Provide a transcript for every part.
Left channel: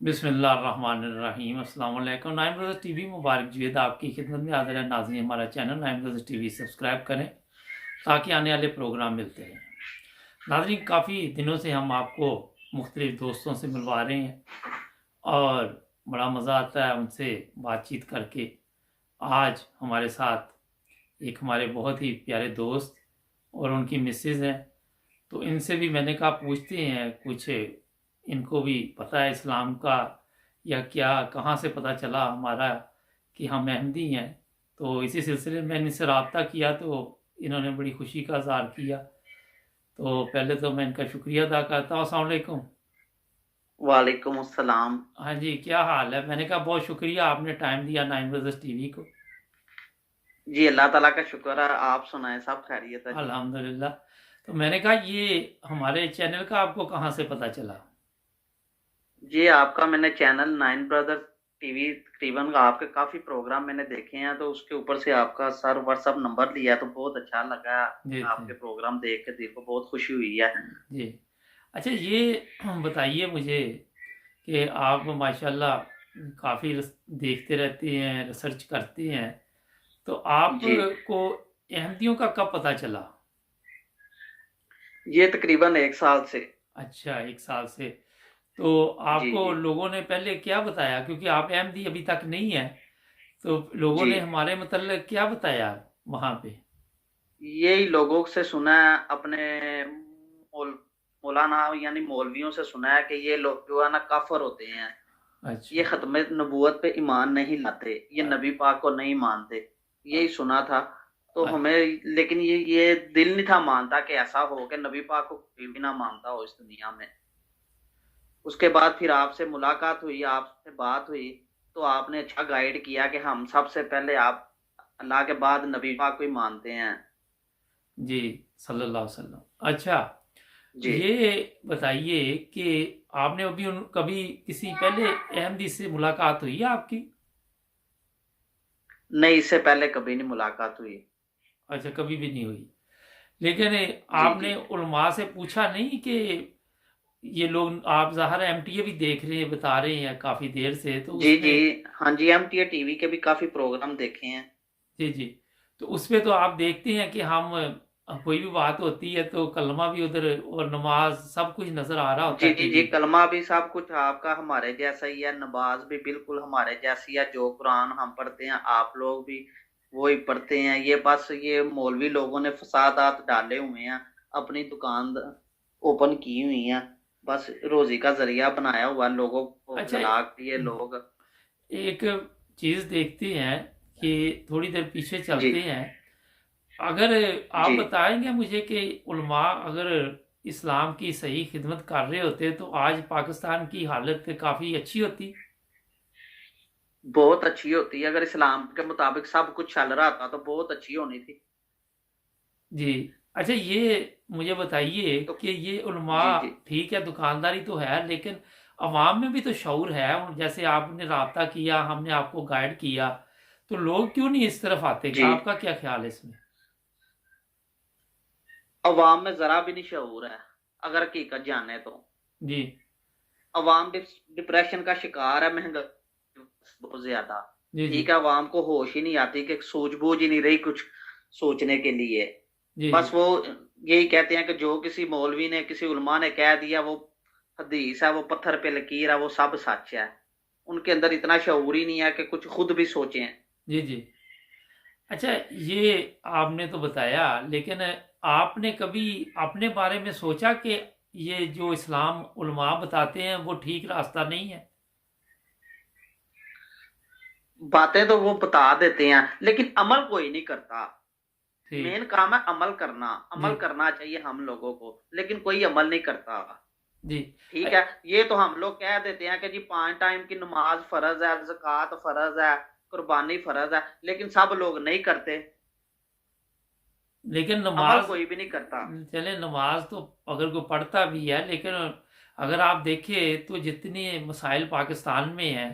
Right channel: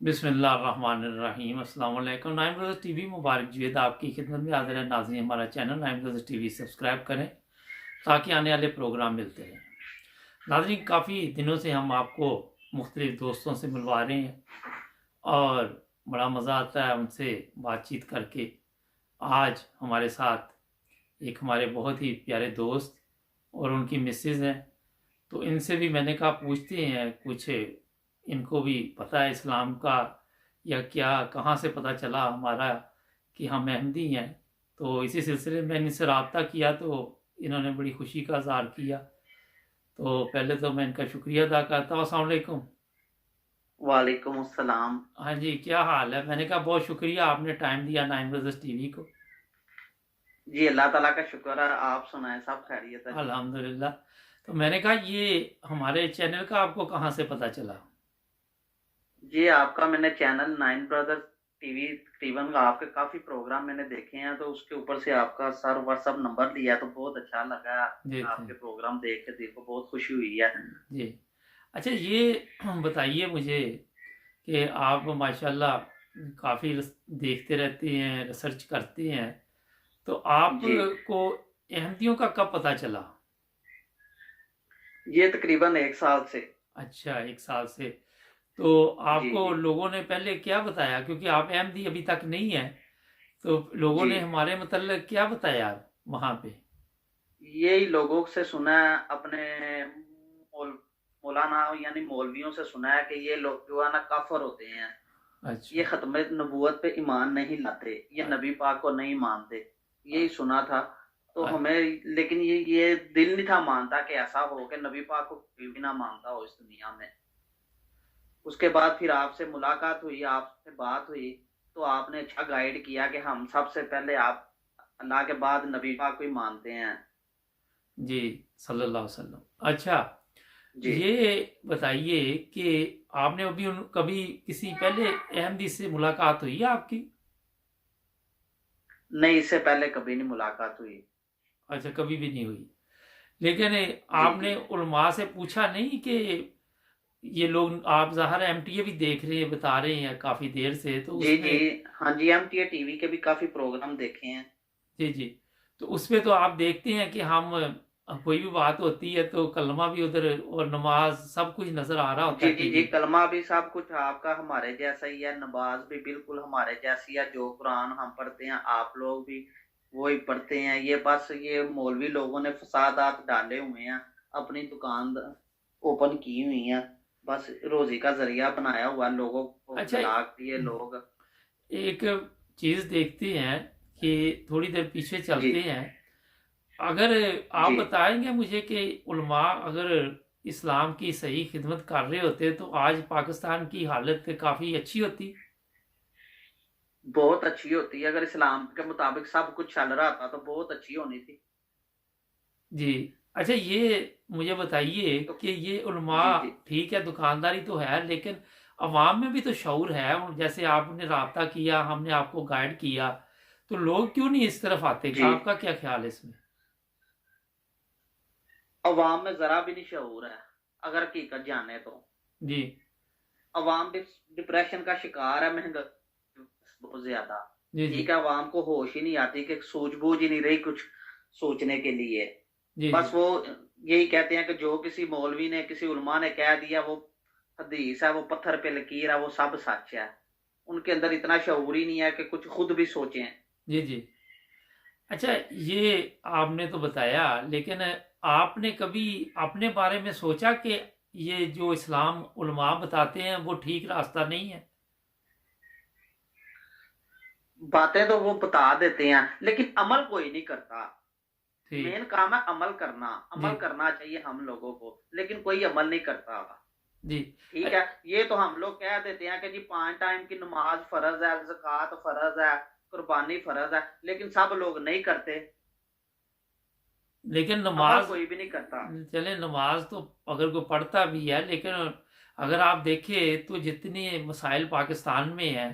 बिस्मिल्लाहिर्रहमानिर्रहीम। अस्सलाम वालेकुम। नाइम ब्रदर्स टीवी मुबारक जुएद आपकी खिदमत में हाजिर है। नाज़रीन, हमारा चैनल नाइम ब्रदर्स टीवी सब्सक्राइब करें ताकि आने वाले प्रोग्राम मिलते रहें। नाज़रीन, काफ़ी दिनों से हम आपको मुख्तलिफ दोस्तों से मिलवा रहे हैं और बड़ा मज़ा आता है उनसे बातचीत करके। आज हमारे साथ एक हमारे बहुत ही प्यारे दोस्त और उनकी मिसेज़ हैं, तो इनसे भी मैंने कहा पूछते हैं कुछ, इनको भी पता है इस्लाम का या क्या, कहाँ से पता चला हमारा कि हम अहमदी हैं। तो इसी सिलसिले में मैंने इनसे रब्ता किया तो इन्होंने बड़ी खुशी का इज़हार किया। तो पहले तो मैं इनका शुक्रिया अदा करता हूँ। अस्सलाम वालेकुम। वालेकुम अस्सलाम। हाँ जी, क्या हाल है? मैंने कहा बहुत शुक्रिया, आपने टाइम दिया नाइन ब्रदर्स टीवी को। जी, अल्लाह ताला का शुक्र है। आप सुनाएं, सब खैरियत है जी। अल्हम्दुलिल्लाह। तो मैंने कहा ये हमारे चैनल का आपको कहाँ से पता चला? जी, आपका मैंने चैनल नाइन ब्रदर्स टीवी तकरीबन आपके काफ़ी प्रोग्राम मैंने देखे हैं, तो उसके ऊपर से आपका सर व्हाट्सएप नंबर लिया तो बहुत अच्छा लगा। जी थे। आपके प्रोग्राम देख के दिल को बहुत खुशी हुई है। जी। अच्छा, ये बताइए मुझे कि आप माशाल्लाह काफ़ी देखते रहते हैं, रिसर्च करते हैं, तो जी, आपको अहमदियों का कब पता चला? ये तकरीबन 1 साल से। अच्छा, 1 साल से। तो जी, आपको जी, लोगों ने पहले क्या बताया? क्योंकि आप अहमदी अभी तक नहीं हैं, तो लोगों जी। ने हमारे मतलब क्या बताया वहाँ पे? यही लोगों से सुना है, अपने मौलाना यानी मौलवियों से सुना है कि ये लोग जो है ना काफ़िर होते हैं। ये अच्छा। ख़त्म नबूवत पे ईमान नहीं लाते, ये अ नबी पाक को नहीं मानते, अ यही सुना था। तो अ हमें लेकिन ये दिल नहीं था मानता कि ऐसा हो कि नबी पाक को कोई भी ना मानता हो इस दुनिया में। उसके बाद फिर आपसे मुलाकात हुई, आपसे बात हुई, तो आपने अच्छा गाइड किया कि हम सबसे पहले आप अल्लाह के बाद नबी पाक को ही मानते हैं। जी, सल्लल्लाहु अलैहि वसल्लम। अच्छा, जी, ये बताइए कि आपने अभी कभी किसी पहले अहमदी से मुलाकात हुई है आपकी? नहीं इससे पहले कभी नहीं मुलाकात हुई। अच्छा, कभी भी नहीं हुई। लेकिन जी, आपने जी। उलमा से पूछा नहीं कि ये लोग, आप ज़ाहिर है एमटीए भी देख रहे हैं, बता रहे हैं काफ़ी देर से, तो जी, जी। उसमें हाँ जी, एमटीए टीवी के भी काफ़ी प्रोग्राम देखे हैं। जी, जी। तो उसमें तो आप देखते हैं कि हम कोई भी बात होती है तो कलमा भी उधर और नमाज सब कुछ नज़र आ रहा होता जी, है जी, जी, टीवी पे। कलमा भी सब कुछ आपका हमारे जैसा ही है, नमाज़ भी बिल्कुल हमारे जैसी है, जो कुरान हम पढ़ते हैं, आप लोग भी वही पढ़ते हैं। ये बस ये मौलवी लोगों ने फ़सादात डाले हुए हैं, अपनी दुकान ओपन की हुई हैं, बस रोज़ी का ज़रिया बनाया हुआ है, लोगों को अच्छा, बहला के ये लोग। एक चीज़ देखते हैं कि थोड़ी देर पीछे जी, चलते हैं। अगर आप जी। बताएंगे मुझे कि उलमा अगर इस्लाम की सही खिदमत कर रहे होते तो आज पाकिस्तान की हालत काफ़ी अच्छी होती। बहुत अच्छी होती है, अगर इस्लाम के मुताबिक सब कुछ चल रहा था, तो बहुत अच्छी होनी थी। जी। अच्छा, ये मुझे बताइए तो कि ये उलमा, जी, जी। ठीक है दुकानदारी तो है, लेकिन अवाम में भी तो शऊर है। जैसे आपने राब्ता किया, हमने आपको गाइड किया, तो लोग क्यों नहीं इस तरफ आते? जी। आपका क्या ख्याल है इसमें? अवाम में ज़रा भी नहीं शऊर है, अगर हकीकत जाने तो। जी, अवाम डिप्रेशन का शिकार है, महँगाई बहुत ज़्यादा। जी, जी, ठीक है, अवाम को होश ही नहीं आती कि सूझबूझ ही नहीं रही कुछ सोचने के लिए। जी, जी। बस वो यही कहते हैं कि जो किसी मौलवी ने, किसी उलमा ने कह दिया वो हदीस है, वो पत्थर पे लकीर है, वो सब सच है। उनके अंदर इतना शऊर ही नहीं है कि कुछ खुद भी सोचें। जी, जी। अच्छा, ये आपने तो बताया, लेकिन आपने कभी अपने बारे में सोचा कि ये जो इस्लाम उलमा बताते हैं वो ठीक रास्ता नहीं है? बातें तो वो बता देते हैं, लेकिन अमल कोई नहीं करता। ठीक। मेन काम है अमल करना। जी, अमल करना चाहिए हम लोगों को, लेकिन कोई अमल नहीं करता। जी। ठीक है, ये तो हम लोग कह देते हैं कि जी 5 टाइम की नमाज़ फ़र्ज़ है, ज़कात फ़र्ज़ है, कुर्बानी फ़र्ज़ है, लेकिन सब लोग नहीं करते। लेकिन अमल नमाज, कोई भी नहीं करता। चले नमाज तो अगर कोई पढ़ता भी है, लेकिन अगर आप देखें तो जितने मसाइल पाकिस्तान में हैं,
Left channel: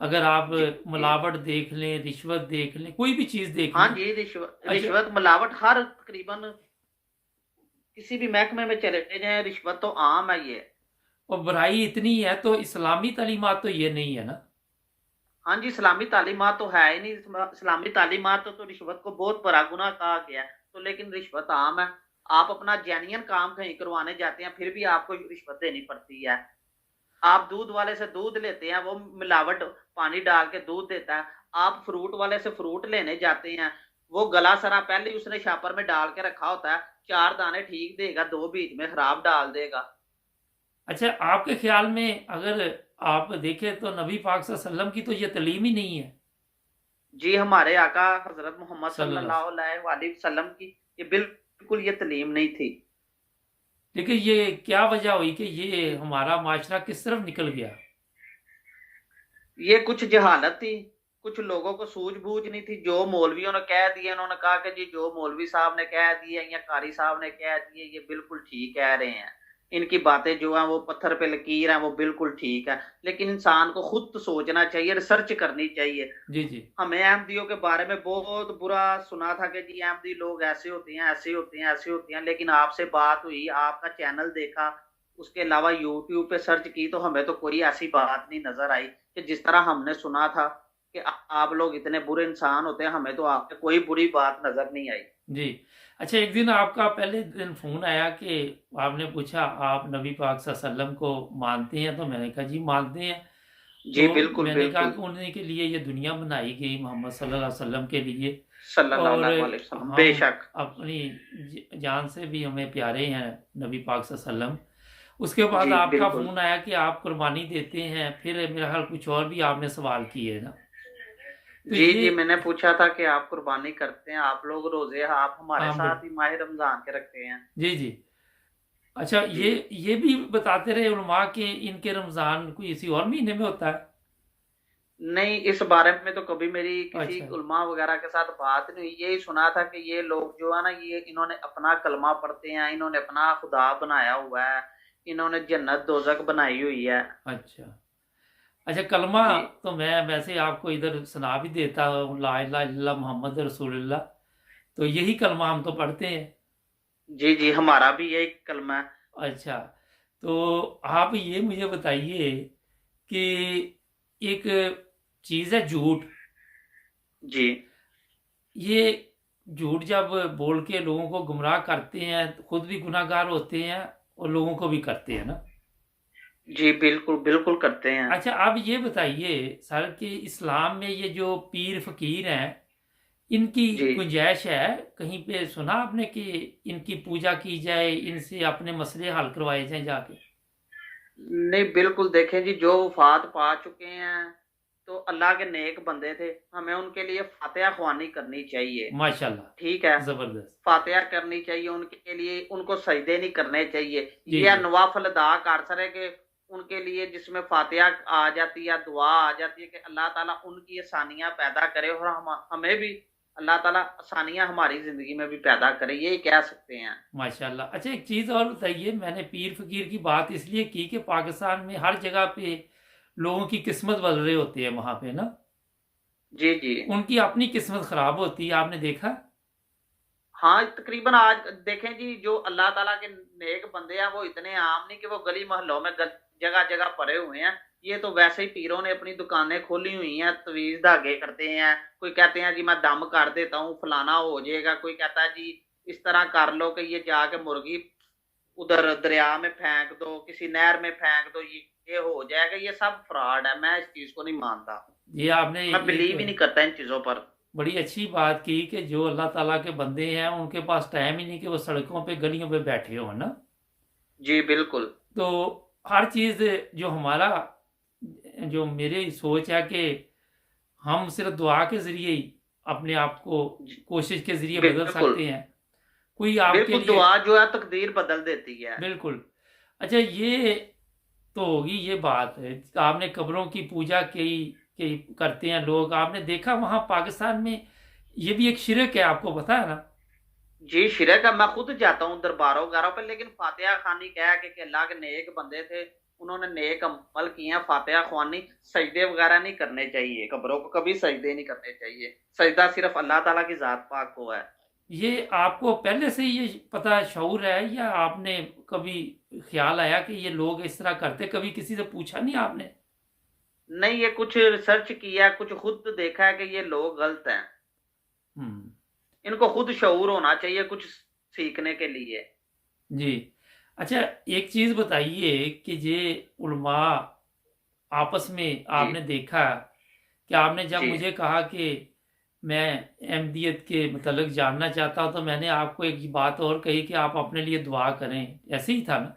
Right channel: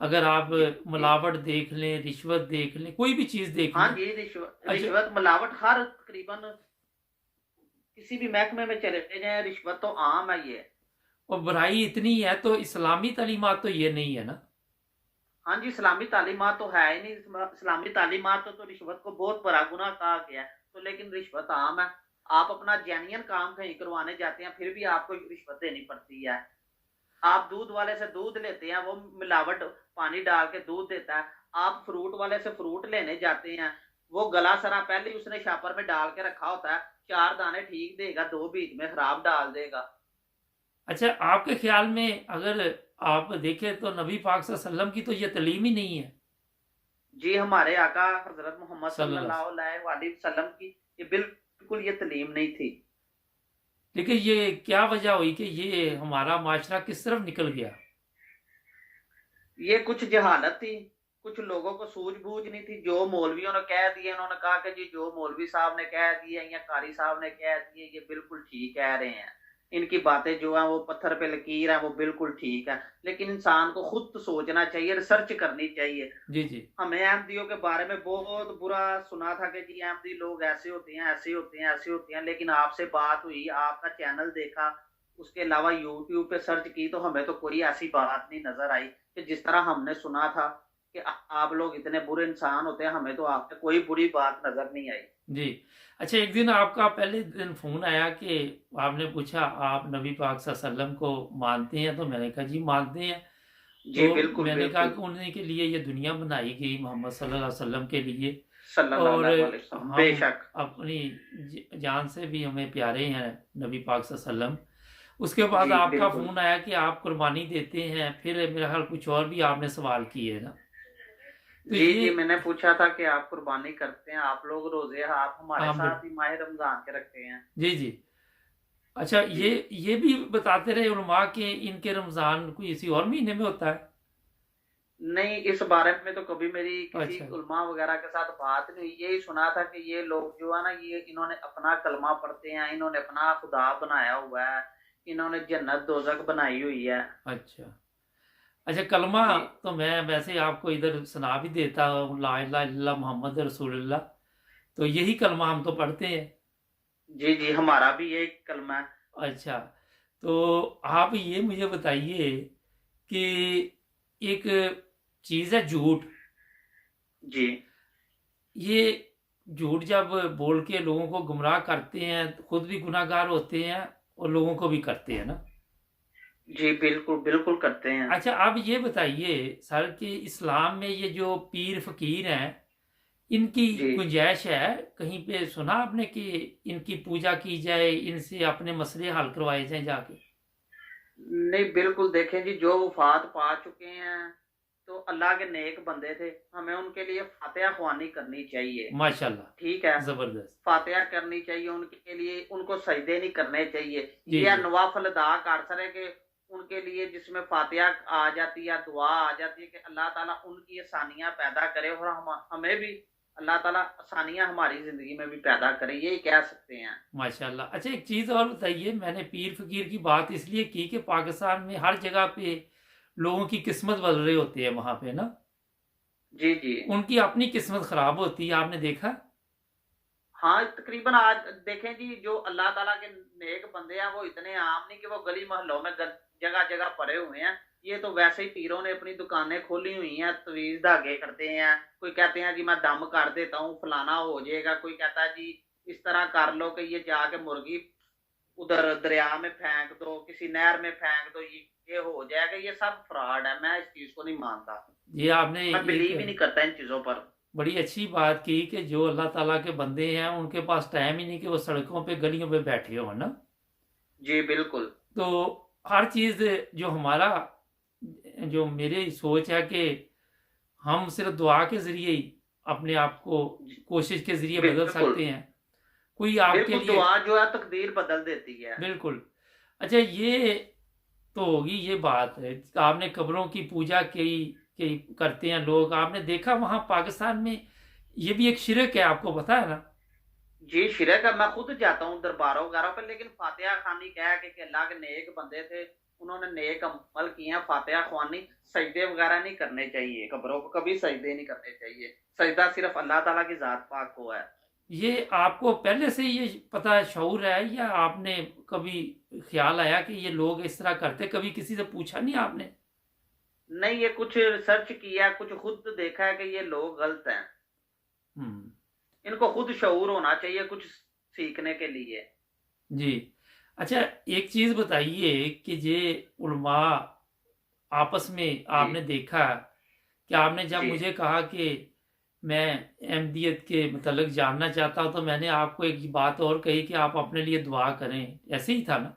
अगर आप जी, जी। मिलावट देख लें, रिश्वत देख लें, कोई भी चीज़ देख हाँ लें। जी, अच्छा, रिश्वत, मिलावट हर तकरीबन किसी भी महकमे में चले जाएँ, रिश्वत तो आम है ये। और बुराई इतनी है तो इस्लामी तालीमात तो ये नहीं है ना। हाँ जी, इस्लामी तालीमात तो है ही नहीं। इस्लामी तालीमात तो रिश्वत को बहुत बड़ा गुनाह कहा गया है। तो लेकिन रिश्वत आम है। आप अपना जेन्युइन काम कहीं करवाने जाते हैं, फिर भी आपको रिश्वत देनी पड़ती है। आप दूध वाले से दूध लेते हैं, वो मिलावट पानी डाल के दूध देता है। आप फ्रूट वाले से फ्रूट लेने जाते हैं, वो गला सरा पहले ही उसने शापर में डाल के रखा होता है। 4 दाने ठीक देगा, 2 बीच में खराब डाल देगा। अच्छा, आपके ख्याल में अगर आप देखें तो नबी पाक सल्लल्लाहु अलैहि वसल्लम की तो ये तालीम ही नहीं है। जी, हमारे आका हजरत मोहम्मद सल्लल्लाहु। सल्लल्लाहु अलैहि वसल्लम की ये बिल्कुल ये तालीम नहीं थी। लेकिन ये क्या वजह हुई कि ये हमारा माशरा किस तरफ निकल गया। ये कुछ जहालत थी, कुछ लोगों को सूझबूझ नहीं थी। जो मौलवियों ने कह दिए, उन्होंने कहा कि जी जो मौलवी साहब ने कह दिए या कारी साहब ने कह दिए ये बिल्कुल ठीक कह रहे हैं, इनकी बातें जो हैं वो पत्थर पे लकीर हैं, वो बिल्कुल ठीक है। लेकिन इंसान को खुद तो सोचना चाहिए, रिसर्च करनी चाहिए। जी जी। हमें अहमदियों के बारे में बहुत बुरा सुना था कि जी अहमदी लोग ऐसे होते हैं, ऐसे होते हैं, ऐसे होते हैं। लेकिन आपसे बात हुई, आपका चैनल देखा, उसके अलावा यूट्यूब पे सर्च की, तो हमें तो कोई ऐसी बात नहीं नजर आई कि जिस तरह हमने सुना था कि आप लोग इतने बुरे इंसान होते हैं। हमें तो आप पे कोई बुरी बात नजर नहीं आई। जी। अच्छा, एक दिन आपका पहले दिन फ़ोन आया कि आपने पूछा आप नबी पाक सल्लल्लाहु अलैहि वसल्लम को मानते हैं, तो मैंने कहा जी मानते हैं। जी तो बिल्कुल मैंने कहा बिल्कुल। कि उन्हीं के लिए ये दुनिया बनाई गई, मोहम्मद सल्लल्लाहु अलैहि वसल्लम के लिए। सल्लल्लाहु और अलैहि वसल्लम, हम बेशक। अपनी जान से भी हमें प्यारे हैं नबी पाक सल्लल्लाहु अलैहि वसल्लम। उसके बाद जी आपका बिल्कुल। फ़ोन आया कि आप कुर्बानी देते हैं, फिर मेरा ख्याल कुछ और भी आपने सवाल किए ना। तो जी ये जी, मैंने पूछा था कि आप कुर्बानी करते हैं, आप लोग रोजे आप हमारे हाँ साथ ही माह रमजान के रखते हैं। जी जी। अच्छा, जी ये भी बताते रहे उलमा के इनके रमज़ान कोई इसी और महीने में होता है। नहीं, इस बारे में तो कभी मेरी किसी अच्छा। उलमा वगैरह के साथ बात नहीं हुई। यही सुना था कि ये लोग जो है ना, ये इन्होंने अपना कलमा पढ़ते हैं, इन्होंने अपना खुदा बनाया हुआ है, इन्होंने जन्नत दोजख बनाई हुई है। अच्छा। अच्छा, कलमा जी तो मैं वैसे आपको इधर सुना भी देता हूँ, ला इलाहा इल्लल्लाह मोहम्मद रसूलुल्लाह। तो यही कलमा हम तो पढ़ते हैं। जी जी, हमारा भी यही कलमा है। अच्छा, तो आप ये मुझे बताइए कि एक चीज़ है झूठ। जी ये झूठ जब बोल के लोगों को गुमराह करते हैं तो खुद भी गुनाहगार होते हैं और लोगों को भी करते हैं ना। जी बिल्कुल बिल्कुल करते हैं। अच्छा, आप ये बताइए सर कि इस्लाम में ये जो पीर फकीर हैं इनकी जी गुंजाइश है कहीं पे, सुना आपने कि इनकी पूजा की जाए, इनसे अपने मसले हल करवाए जाएं जाके। नहीं, बिल्कुल देखें जी, जो वफात पा चुके हैं तो अल्लाह के नेक बंदे थे, हमें उनके लिए फातिहा ख्वानी करनी चाहिए। ठीक है, माशाल्लाह, जबरदस्त। फातिहा करनी चाहिए उनके लिए, उनको सजदे नहीं करने चाहिए। जी ये जी। नवाफल अदा कर सके कि उनके लिए जिसमें फातिहा आ जाती है, दुआ आ जाती है कि अल्लाह ताला उनकी आसानियां पैदा करे, और हमें भी अल्लाह ताला आसानियां हमारी जिंदगी में भी पैदा करे, यही कह सकते हैं। माशाल्लाह। अच्छा, एक चीज़ और बताइए, मैंने पीर फकीर की बात इसलिए की कि पाकिस्तान में हर जगह पे लोगों की किस्मत बदल रहे होते हैं वहाँ पे ना। जी जी। उनकी अपनी किस्मत खराब होती है, आपने देखा। हाँ, तकरीबन आज देखें जी, जो अल्लाह ताला के नेक बंदे हैं वो इतने आम नहीं कि वो गली मोहल्लों में जगह जगह पड़े हुए हैं। ये तो वैसे ही पीरों ने अपनी दुकानें खोली हुई हैं, तवीज धागे करते हैं। कोई कहते हैं जी मैं दम कर देता हूँ, फलाना हो जाएगा। कोई कहता है जी इस तरह कर लो कि ये जाके मुर्गी उधर दरिया में फेंक दो, किसी नहर में फेंक दो, ये हो जाएगा। ये सब फ्रॉड है, मैं इस चीज को नहीं मानता। ये आपने मैं एक बिलीव ही नहीं करता इन चीजों पर। बड़ी अच्छी बात की कि जो अल्लाह ताला के बंदे हैं उनके पास टाइम ही नहीं कि वो सड़कों पे गलियों पे बैठे हो ना। जी बिल्कुल। तो हर चीज़ जो हमारा, जो मेरी सोच है कि हम सिर्फ दुआ के ज़रिए ही अपने आप को जी, कोशिश के ज़रिए बदल बिल्कुल सकते हैं। कोई आपके बिल्कुल, लिए दुआ जो है तकदीर बदल देती है। बिल्कुल। अच्छा, ये तो होगी ये बात है, आपने कब्रों की पूजा की करते हैं लोग, आपने देखा वहाँ पाकिस्तान में ये भी एक शिरक है, आपको पता है ना। जी, शिरक है। मैं खुद जाता हूँ दरबारों वगैरह पे, लेकिन फातिहा खानी कह के कि अल्लाह के नेक बंदे थे, उन्होंने नेक अमल किए हैं, फातिहा ख्वानी, सजदे वगैरह नहीं करने चाहिए। कब्रों को कभी सजदे नहीं करने चाहिए। सजदा सिर्फ अल्लाह ताला की जात पाक को है। ये आपको पहले से ये पता शऊर है या आपने कभी ख्याल आया कि ये लोग इस तरह करते, कभी किसी से पूछा नहीं आपने? नहीं, ये कुछ रिसर्च किया, कुछ खुद देखा है कि ये लोग गलत हैं। हम्म। इनको खुद शऊर होना चाहिए कुछ सीखने के लिए। जी। अच्छा, एक चीज़ बताइए कि ये उलमा आपस में जी, आपने देखा कि आपने जब जी। मुझे कहा कि मैं अहमदियत के मतलब जानना चाहता हूँ, तो मैंने आपको एक बात और कही कि आप अपने लिए दुआ करें, ऐसे ही था ना?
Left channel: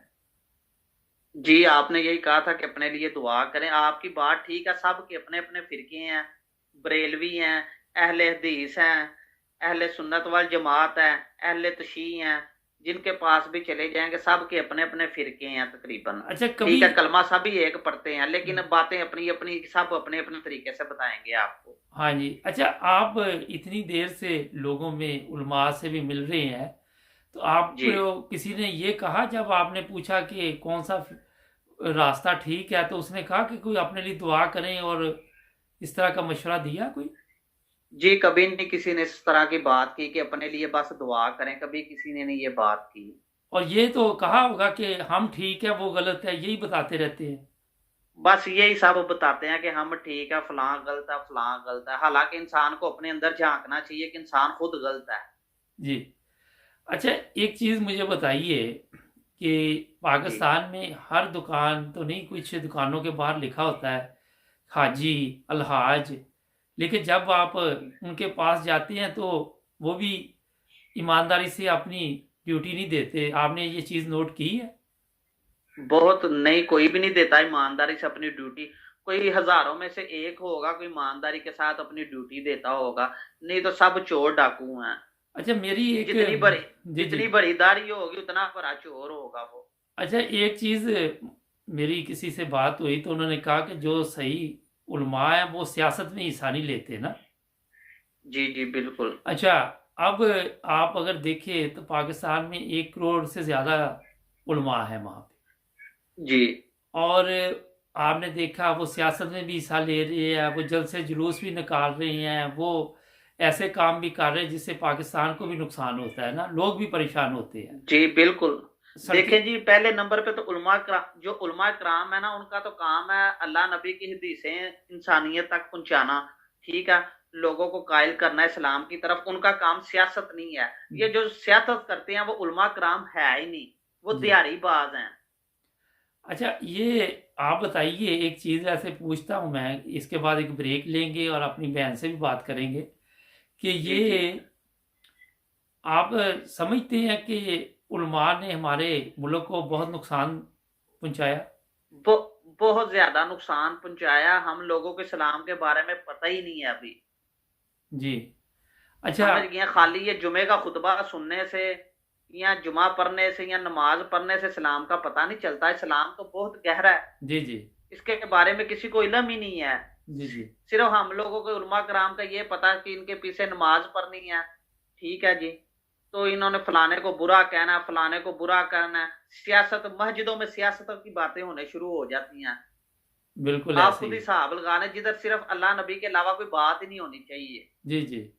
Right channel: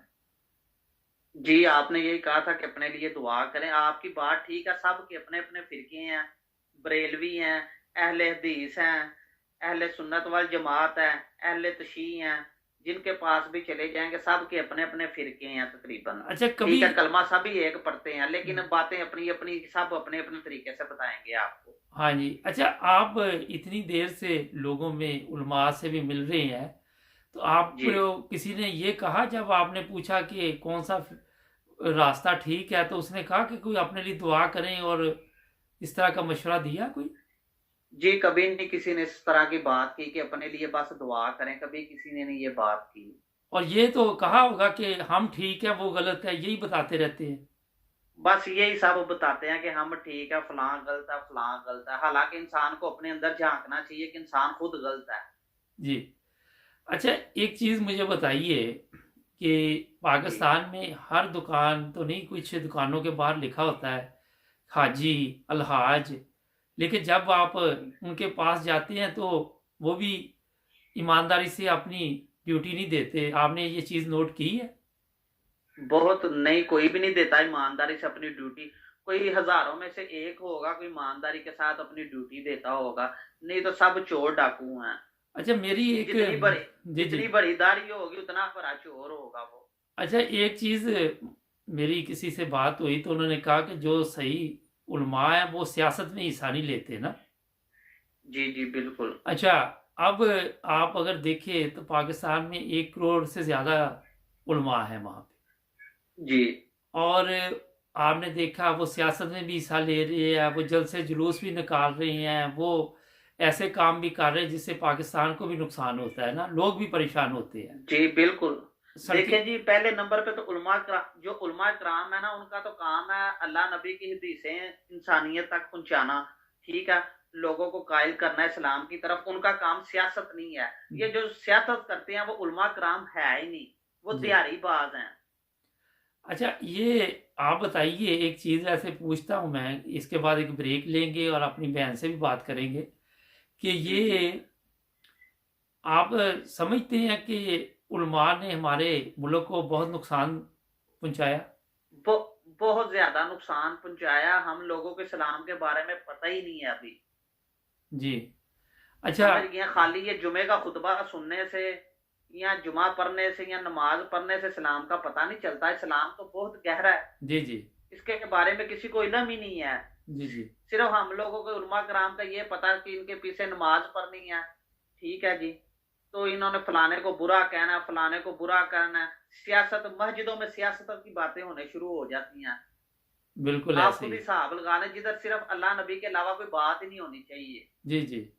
जी, आपने यही कहा था कि अपने लिए दुआ करें। आपकी बात ठीक है, सबके अपने-अपने फ़िरके हैं, बरेलवी हैं, अहले हदीस हैं, अहले सुन्नत वल जमात हैं, अहले तशय्युह हैं, जिनके पास भी चले जाएँगे सबके अपने-अपने फ़िरके हैं तकरीबन। अच्छा, कभी ठीक है, कलमा सभी एक पढ़ते हैं, लेकिन बातें अपनी-अपनी सब अपने-अपने तरीके से बताएँगे आपको। हाँ जी। अच्छा, आप इतनी देर से लोगों में उलमा से भी मिल रहे हैं, तो आप जी। किसी ने ये कहा जब आपने पूछा कि कौन सा रास्ता ठीक है, तो उसने कहा कि कोई अपने लिए दुआ करें और इस तरह का मशवरा दिया कोई? जी, कभी नहीं किसी ने इस तरह की बात की कि अपने लिए बस दुआ करें, कभी किसी ने नहीं ये बात की। और ये तो कहा होगा कि हम ठीक है वो गलत है, यही बताते रहते हैं। बस यही सब बताते हैं कि हम ठीक है, फलां गलत है। हालाँकि इंसान को अपने अंदर झाँकना चाहिए कि इंसान खुद गलत है। जी। अच्छा, एक चीज़ मुझे बताइए कि जी। पाकिस्तान में हर दुकान तो नहीं, कुछ दुकानों के बाहर लिखा होता है हाजी, अलहाज, लेकिन जब आप उनके पास जाते हैं तो वो भी ईमानदारी से अपनी ड्यूटी नहीं देते। आपने ये चीज़ नोट की है? बहुत नहीं, कोई भी नहीं देता ईमानदारी से अपनी ड्यूटी। कोई हज़ारों में से एक होगा कोई ईमानदारी के साथ अपनी ड्यूटी देता होगा, नहीं तो सब चोर डाकू हैं। अच्छा, मेरी एक जितनी बड़ी जी, जी। जितनी बड़ी दाढ़ी होगी उतना बड़ा चोर होगा वो। अच्छा, एक चीज़ मेरी किसी से बात हुई तो उन्होंने कहा कि जो सही उलमा है वो सियासत में हिस्सा नहीं लेते ना। जी, जी, बिल्कुल। अच्छा, अब आप अगर देखें तो पाकिस्तान में 1 करोड़ से ज़्यादा उलमा है वहाँ पे, जी। और आपने देखा वो सियासत में भी हिस्सा ले रहे हैं, वो जलसे जुलूस भी निकाल रहे हैं, वो ऐसे काम भी कर रहे हैं जिससे पाकिस्तान को भी नुकसान होता है ना, लोग भी परेशान होते हैं। जी, बिल्कुल। सड़कें देखें जी, पहले नंबर पे तो जो उलमा कराम है ना, उनका तो काम है अल्लाह नबी की हदीसें इंसानियत तक पहुँचाना, ठीक है? लोगों को कायल करना इस्लाम की तरफ, उनका काम सियासत नहीं है। ये जो सियासत करते हैं वो उलमा कराम है ही नहीं, वो जी। दिहाड़ीबाज़ हैं। अच्छा, ये आप बताइए, एक चीज़ ऐसे पूछता हूँ मैं, इसके बाद एक ब्रेक लेंगे और अपनी बहन से भी बात करेंगे कि जी, जी। ये आप समझते हैं कि उलमा ने हमारे मुल्क को बहुत नुकसान पहुंचाया? बो बहुत ज़्यादा नुकसान पहुँचाया, हम लोगों को इस्लाम के बारे में पता ही नहीं है अभी। जी। अच्छा। समझ गए हैं, खाली ये जुमे का खुतबा सुनने से या जुमा पढ़ने से या नमाज पढ़ने से इस्लाम का पता नहीं चलता। इस्लाम तो बहुत गहरा है, जी, जी। इसके बारे में किसी को इल्म ही नहीं है। जी, जी। सिर्फ हम लोगों को उलमा कराम का ये पता है कि इनके पीछे नमाज पढ़नी है, ठीक है जी। तो इन्होंने फलाने को बुरा कहना है, फलाने को बुरा कहना है। सियासत, मस्जिदों में सियासत की बातें होने शुरू हो जाती हैं। बिल्कुल आप ऐसे खुद ही। ही हिसाब लगा लें, जिधर सिर्फ अल्लाह नबी के अलावा कोई बात ही नहीं होनी चाहिए। जी, जी।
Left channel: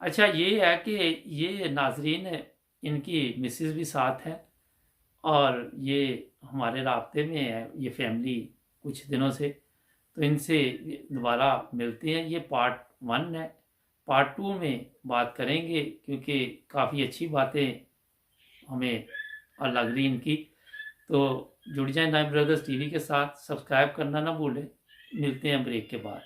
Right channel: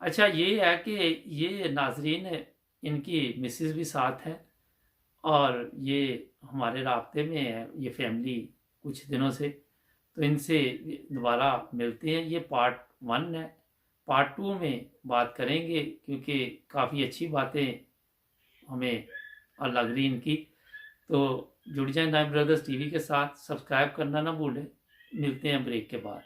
अच्छा, ये है कि ये नाज़रीन इनकी मिसेज़ भी साथ हैं और ये हमारे राब्ते में है, ये फैमिली कुछ दिनों से। तो इनसे दोबारा मिलते हैं। ये पार्ट 1 है। पार्ट 2 में बात करेंगे क्योंकि काफ़ी अच्छी बातें हमें लग रही इनकी। तो जुड़ जाएं नाइम ब्रदर्स टीवी के साथ, सब्सक्राइब करना ना भूलें। मिलते हैं ब्रेक के बाद।